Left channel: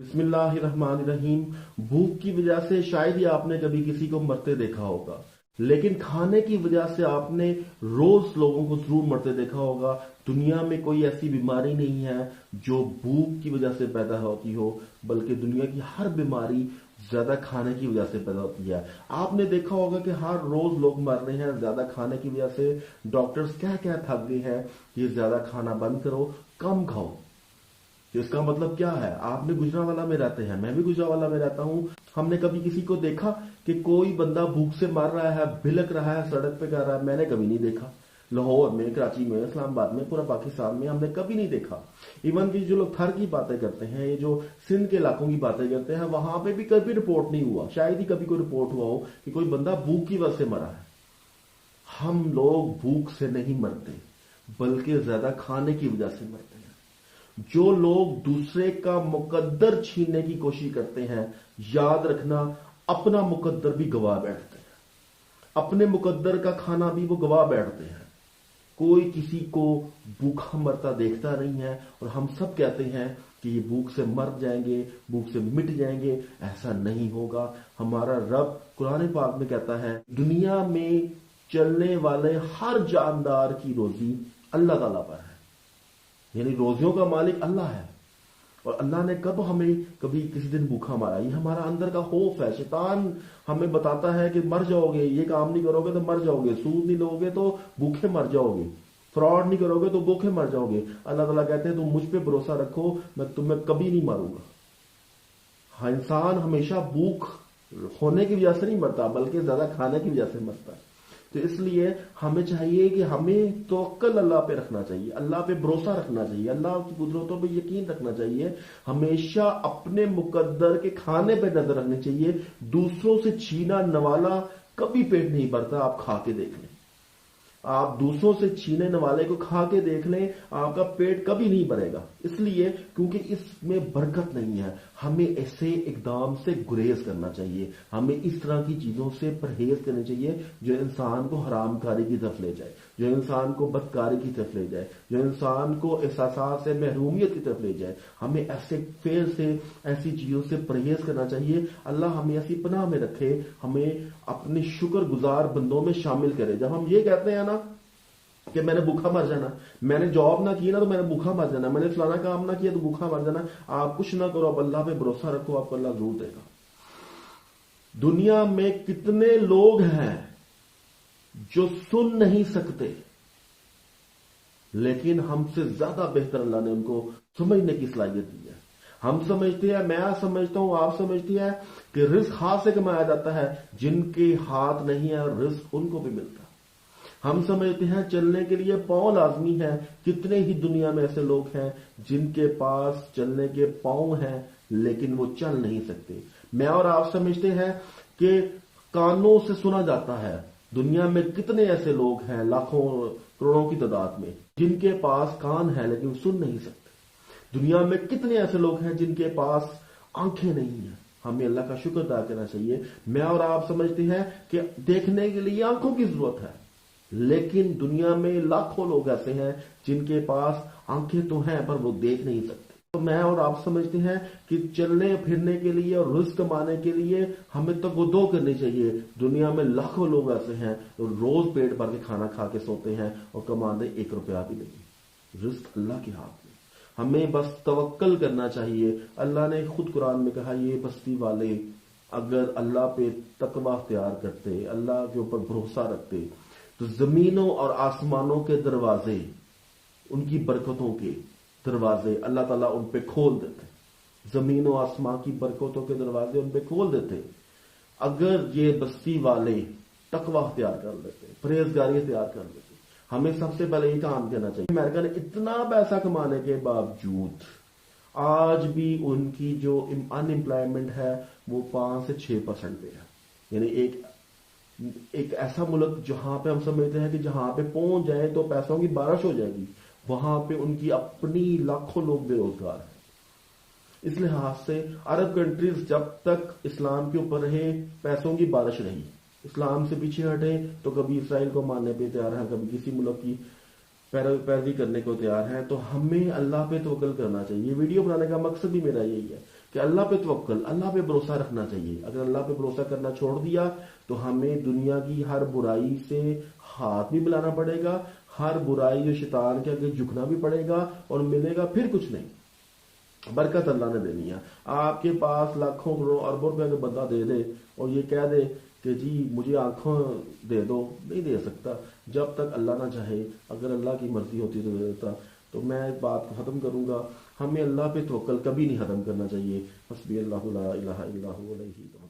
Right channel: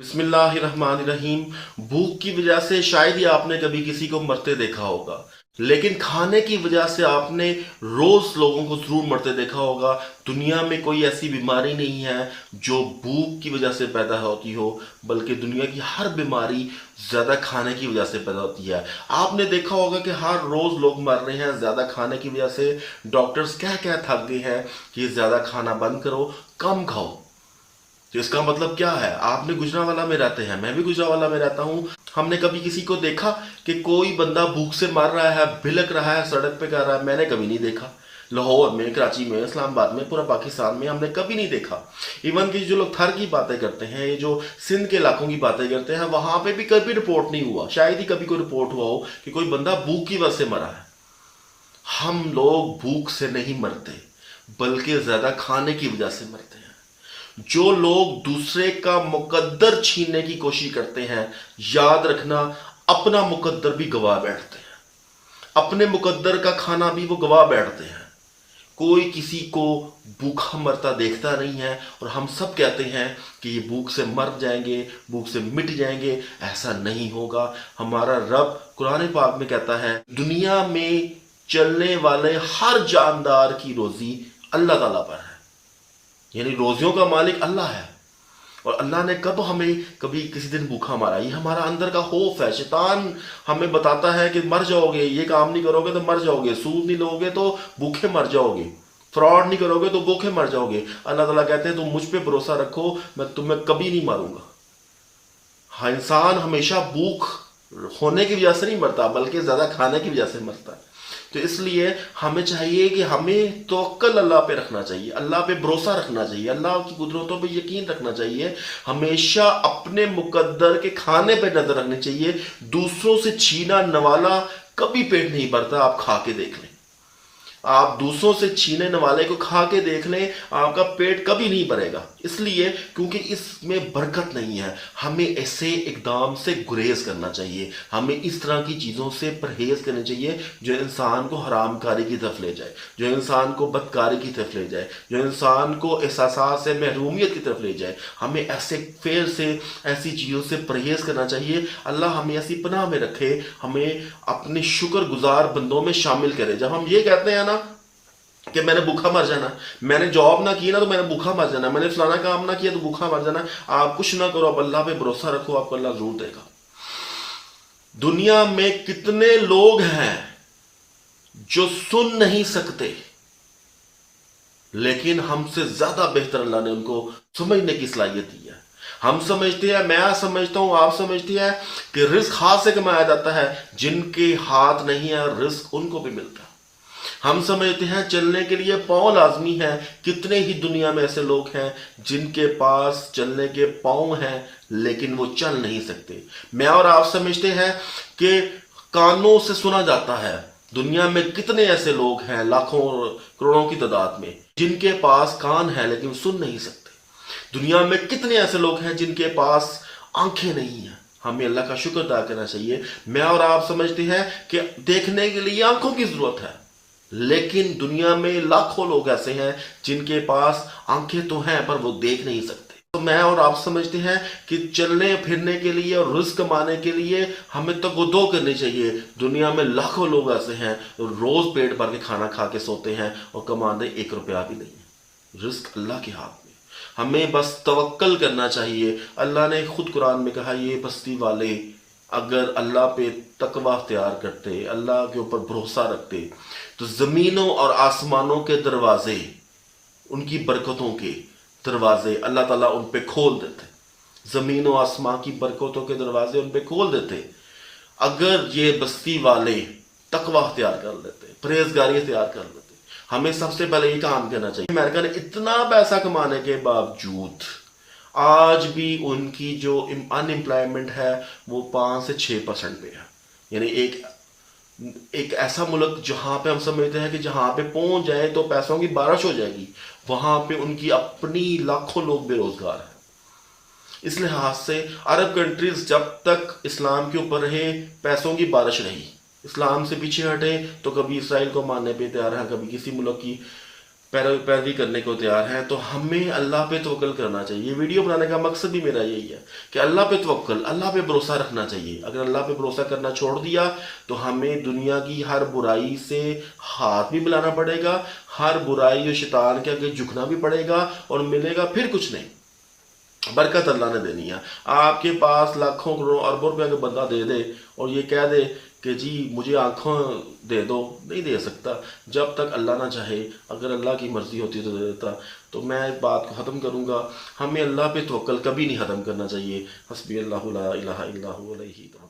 बिस्मिल्लाहिर्रहमानिर्रहीम। भूख की वजह से शायद ही आपने कभी किसी को मरते देखा होगा, लेकिन खाने की वजह से आपने रोज लोगों को जरूर मरते देखा होगा। दुनिया में कोई ऐसी बीमारी नहीं है जो भूख की वजह से पैदा होती हो, बल्कि दुनिया की हर बीमारी ज्यादा खाने की वजह से पैदा होती है। आपने देखा होगा कि हर रोज लोग मर रहे हैं ज्यादा खाने की वजह से। डॉक्टर्स कह थक गए हैं कि ज्यादा खाना बंद करो, कम खाओ। तो इसका मतलब क्या है? आपने गुजरांवाला में रहते हैं, मैं भी गुजरांवाला में रहता हूँ। हमने कभी किसी को देखा कि कोई बंदा भूख से मर रहा है, भिलक रहा है, सड़क पे कर रहा है? मैंने कभी नहीं देखा। लाहौर में, कराची में, इस्लामाबाद में, पूरा पाकिस्तान में हमने कभी नहीं देखा। इवन कि जो लोग थर की बातें करते हैं, ये जो सिंध के इलाकों की बातें करते हैं, वहां पे भी कभी रिपोर्ट नहीं हुआ। शायद ही कभी कोई रिपोर्ट हुआ हो कि कोई बंदा भूख की वजह से मरा है। हम लोग भूख से नहीं मरते, बल्कि ज्यादा खाने की वजह से मरते हैं। जो लोग दूसरे का मुकद्दर छीनने की कोशिश करते हैं, याद रखना, अपना मुकद्दर भी गवा बैठते हैं। अपने मुकद्दर का खाना भी वो गवा बैठते हैं। कोई किसी को भूखा मरता देखता नहीं है, और हम सब कहते हैं कि ये भूख से मर जाएंगे, भूख से मिट जाएंगे। ऐसा नहीं होगा। हमारा रब कुरान पाक में कहता है, दुनिया में चलने वाले हर जानदार की रोजी अल्लाह ताला पर है। यानी रोजियों का मालिक अल्लाह है। और अल्लाह ने कब हमें कभी किसी दिन भूखा मारा? ये हमारा अंदर का खौफ है। शैतान हमें बताता है कि मर जाओगे, ये काम नहीं करोगे तो मर जाओगे, सूद नहीं लोगे तो भूखे मर जाओगे, फ्रॉड नहीं करोगे तो भूखे मर जाओगे। अल्लाह ताला कहते हैं तुम मुझ पे भरोसा रखो, मैं तुम्हें कभी नहीं मारूंगा। हाँ, इंसान हमेशा भूख होने की वजह से नहीं मरता, बल्कि ज्यादा खाने की वजह से मरता है। तो इसलिए हमें चाहिए कि हमें तवक्कल अल्लाह पे रखना चाहिए, अल्लाह पे भरोसा रखना चाहिए, अल्लाह की कुदरतों पे यकीन रखना चाहिए। हमेशा अपने मुकद्दर के खाने पे नजर रखनी चाहिए। दूसरों से छीना नवाला कभी पेट नहीं भरता। आप खा के देख लें, आप दूसरों से छीने वाले को खा के देख लें, आपका पेट कभी नहीं भरेगा। इसलिए क्योंकि इसमें बरकत नहीं है। हमें ऐसे इकदाम से गुरेज करना चाहिए, हमें इस तरह की चीज़ों से परहेज करनी चाहिए जो इंसान को हरामकारी की तरफ ले जाए, जो इंसान को बदकारी की तरफ ले जाए, जो इंसान को एहसास से महरूमियत की तरफ ले जाए। हमें ऐसे फेर से ऐसी चीज़ों से परहेज करना चाहिए। अल्लाह हमें ऐसी पनाह में रखे, हमें अपने शुक्रगुजार बंदों में शामिल करे। जब हम ये कहते हैं ना कि मैंने भूखा मर जाना, मैंने जॉब ना की ना तो मैंने भूखा मर जाना, मैंने फलाना काम ना किया तो भूखा मर जाना, आप कुछ ना करो, आप अल्लाह पे भरोसा रखो, आपको अल्लाह जरूर देगा। दुनिया में कितने लोग हैं जो सुन नहीं सकते, लेकिन हमसे ज्यादा बेहतर अल्लाह ने उनको समझने की सलाहियत दी है। हम समझते हैं, मैं समझता हूं, आप समझती है कि रिस्क हाथ से कमाया जाता है। जिनके हाथ नहीं है, रिस्क उनको भी मिलता है। हम समझते हैं चलने के लिए पांव लाजमी है। कितने ही दुनिया में ऐसे लोग हैं जिनके पास चलने के पांव हैं, लेकिन वो चल नहीं सकते। मैं और आप समझते हैं कि कानों से सुना जाता है। दुनिया में कितने ऐसे लोग हैं, लाखों करोड़ों की तादाद में, जिनके पास कान है लेकिन सुन नहीं सकते। दुनिया में कितने ऐसे लोग हैं जिनके पास आंखें नहीं हैं। हमें अल्लाह का शुक्र अदा करना चाहिए। मैं और आप समझते हैं कि देखने के लिए आंखों की जरूरत है, लेकिन दुनिया में लाखों लोग ऐसे हैं जिनके पास आंखें तो हैं पर वो देख नहीं सकते। तो मैं और आप समझते हैं कि चलने फिरने के लिए और रिस्क कमाने के लिए हमें तो गुदो करनी चाहिए। दुनिया में लाखों लोग ऐसे हैं रोज पेट भर के खाना खा के सोते हैं और कमाते 1 रुपया भी नहीं। रिस्क अल्लाह के हाथ में, हमें बस तवक्कल करना चाहिए। अल्लाह ने खुद कुरान में कहा, ये बस्ती वाले अगर अल्लाह पे तकवा अख्तियार करते, अल्लाह के ऊपर भरोसा रखते, तो जमीनों और आसमानों के दरवाजे, उनकी बरकतों के दरवाजे अल्लाह ताला उन पे खोल देते। जमीनों आसमां की बरकतों के दरवाजे उन पे खोल देते, अगर ये बस्ती वाले तकवा अख्तियार कर लेते, परहेजगारी अख्तियार कर लेते। हमें सबसे पहले ये काम करना चाहिए। अमेरिका ने इतना पैसा कमाने के बावजूद आज भी उनकी जो अनएम्प्लॉयमेंट है वो 5 से 6% पे है। यानी एक ऐसा मुल्क जहां पे हम समझते हैं कि जहां पे पहुंच जाए तो पैसों की बारिश हो जाएगी, वहां पे उनकी अपनी लाखों लोग बेरोजगार हैं। इस लिहाज से अरब कंट्रीज जब तक इस्लाम के ऊपर रहे, पैसों की बारिश रही। इस्लाम से पीछे हटे तो कभी इसराइल को मानने पे तैयार है, कभी किसी मुल्क की پیروی کرنے کو تیار ہیں، تو ہمیں اللہ پہ توکل کرنا چاہیے. یہ ویڈیو بنانے کا مقصد بھی میرا یہی ہے کہ اللہ پہ توکل، اللہ پہ بھروسہ رکھنا چاہیے. اگر اللہ پہ بھروسہ کرنا چھوڑ دیا تو ہمیں دنیا کی ہر برائی سے ہاتھ بھی ملانا پڑے گا، ہر برائی اور شیطان کے آگے جھکنا بھی پڑے گا، اور ملے گا پھر کچھ نہیں. برکت اللہ نے دینی ہے. آپ کے پاس لاکھوں کروڑوں اربوں روپے کا بندہ دے دے اور یہ کہہ دے کہ جی مجھے آنکھوں دے دو، نہیں دے سکتا جب تک اللہ نہ چاہے. اگر اللہ کی مرضی ہوتی تو دے دیتا. تو میں اس بات کو ختم کروں گا، ہمیں اللہ پہ توکل کبھی نہیں ختم کرنا چاہیے. حسبی اللہ لا الہ الا هو علیہ توکلت.